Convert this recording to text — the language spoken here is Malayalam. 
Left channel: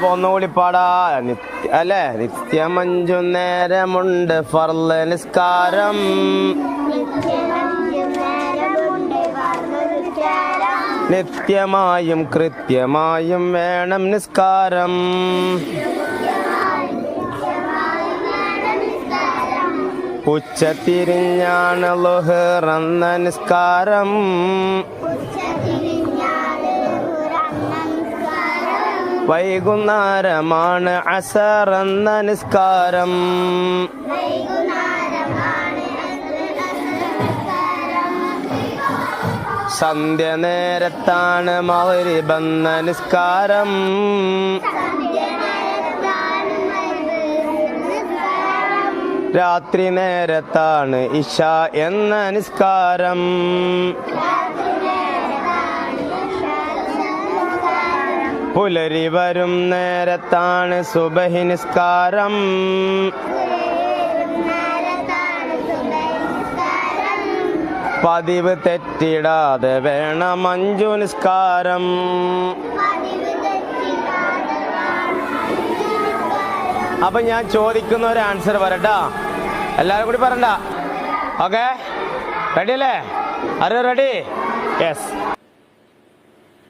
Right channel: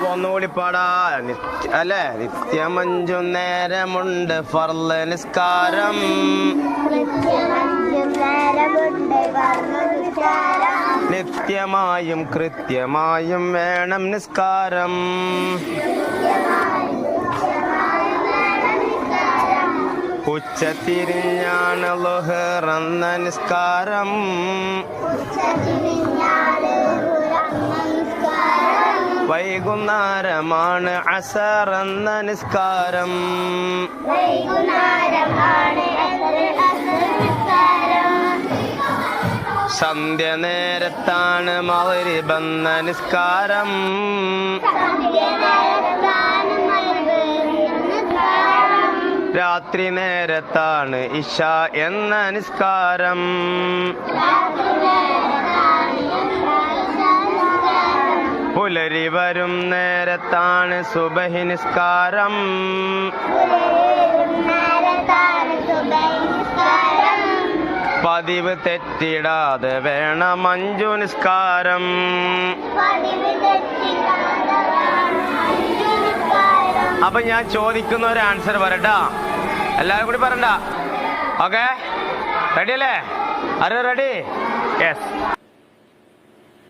അപ്പൊ ഒന്നുകൂടി പാടാ. അല്ലെ, നിത്യം 5 നേരമുണ്ട് ഫർള് നിസ്കാരം. നിത്യമായും കൃത്യമായും വേണം നിസ്കാരം. ഉച്ചതിരിഞ്ഞാണ് ളുഹർ എന്ന നിസ്കാരം. വൈകുന്നേരമാണ് അസർ എന്ന നിസ്കാരം. സന്ധ്യ നേരത്താണ് മഗ്രിബ് എന്ന നിസ്കാരം. രാത്രി നേരത്താണ് ഇശ എന്ന നിസ്കാരം. പുലരി വരും നേരത്താണ് സുബഹി നിസ്കാരം. പതിവ് തെറ്റിടാതെ വേണം 5 നിസ്കാരം. അപ്പൊ ഞാൻ ചോദിക്കുന്ന ഒരു ആൻസർ പറയട്ടാ, എല്ലാവരും കൂടി പറയണ്ട. ഓക്കെ, റെഡി അല്ലേ? ആരോ റെഡി? യെസ്.